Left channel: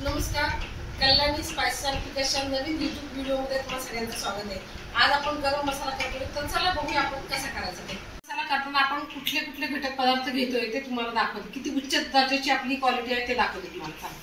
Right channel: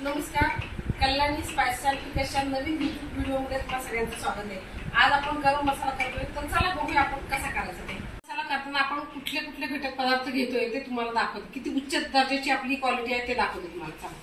नमस्कार, कल्याणी स्पाइस च्या नवीन YouTube व्हिडिओमध्ये तुम्हा सगळ्यांचं स्वागत आहे। आज आपण गरम मसाला करतोय, तर चला बघूया आपण कसा करायचा ते। मसाला करताना आपण कुठले कुठले घटक पदार्थ घेतोय ते तुम्हाला दाखवते, किती उच्च दर्जाची आपली क्वालिटी आहे ते दाखवते तुम्हाला। चला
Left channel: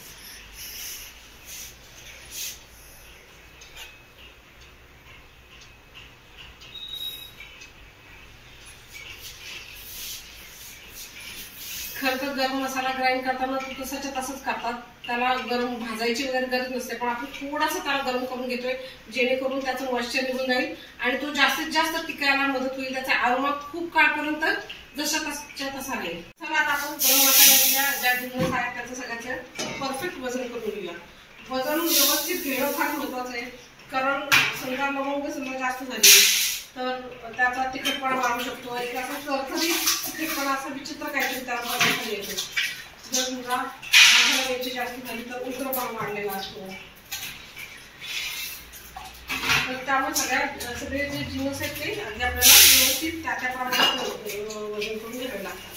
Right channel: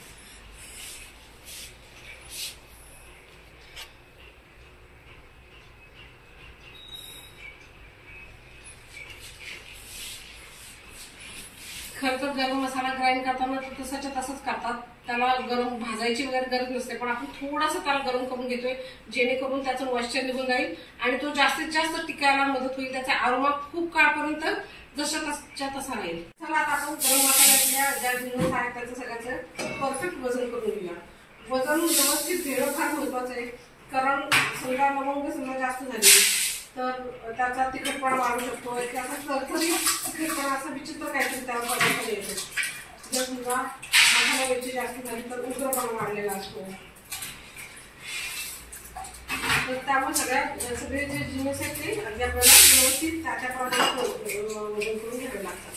खरं तर गरम मसाला ग्राइंड करताना तो तसाच्या तसंच करतात, त्याला गरम भाजायची वगैरे गरज नसते, पण आपण थोडासा त्याला गरम करून घेतोय जेणेकरून त्याचं मॉइश्चर निघून जाईल आणि तो जास्तीत जास्त टिकायला मदत होईल। त्याचा अरोमा खूप काळपर्यंत जशाच्या तसा राहील। चला आता आपण गरम मसाल्यातल्या ज्या जिन्नस आहेत त्याचं सगळ्याचं परफेक्ट वजन करून घेऊया। वजन व्यवस्थित घेणं फार महत्वाचं आहे, कारण समजा लवंग समजा जास्त झाली तर त्याचा तिखटपणा वाढू शकतो। एक असा थरथरी तिखटपणा असा विचित्र काहीतरी त्याला पदार्थ येतो। जर समजा मसाला मिरची जास्त झाली तर उग्रपणा वाढलेला असतो। तर त्यामुळे सगळे जे जिन्नस आहेत ते आपल्याला व्यवस्थित त्या प्रमाणात वजन करून घ्यावे लागतात।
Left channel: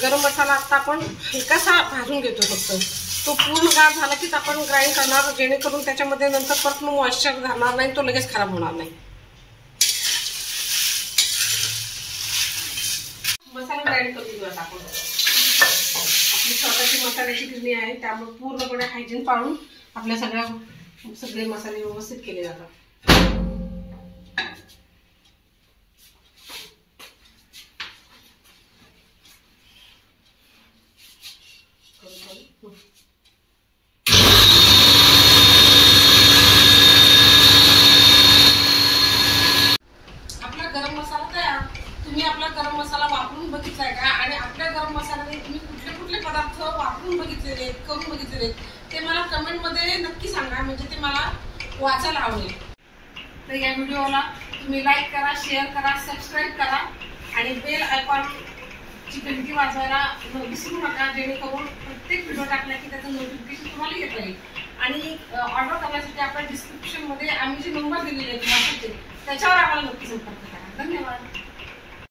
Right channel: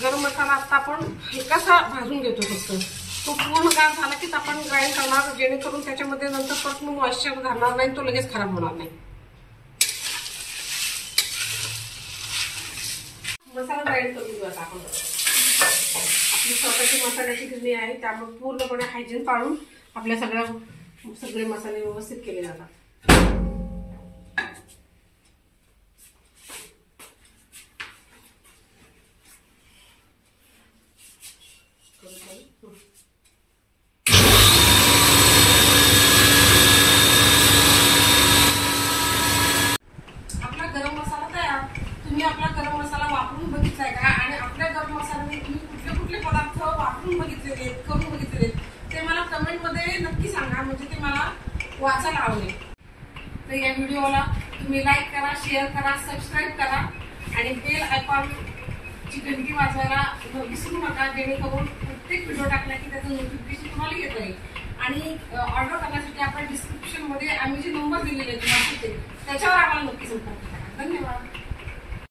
गरम मसाला आता आपण हलकासा भाजून घेतो, फक्त तो पूर्ण गार झाला की आपण ग्राइंड करणार, जेणेकरून त्याच्यामध्ये नंतर परत मॉइश्चर घालणार नाही, तो लगेच खराब होणार नाही। मसाला ग्राइंड करून घेऊ आता आपण। आपली स्वतःची मसाल्याची गिरणी आहे, त्यामुळे पूर्णपणे हायजीन पाळून आपल्या सगळे मसाले व्यवस्थित केले जातात। आपला गरम मसाला तयार। तुम्ही आपला गरम मसाला वापरून बघितलाय का? आणि आपल्या गरम मसाल्याने तुम्ही कुठले कुठले पदार्थ वापरून बघितलेले, करून बघितलेले ते मला कमेंट मध्ये नक्की सांगा, म्हणजे ते मला वाचायला आवडेल। तर या व्हिडिओला तुम्ही लाईक करा, शेअर करा, सबस्क्राईब करा आणि बेल आयकॉनची घंटी वाजवायला विसरू नका, जेणेकरून प्रत्येक व्हिडिओ टाकला की त्याचं नोटिफिकेशन तुम्हाला येत राहील। आणि ऑर्डर करण्यासाठी आपण डिस्क्रिप्शन मध्ये आम्ही जे नंबर दिलेले आहेत त्याच्यावर आम्हाला नक्की संपर्क करा। धन्यवाद।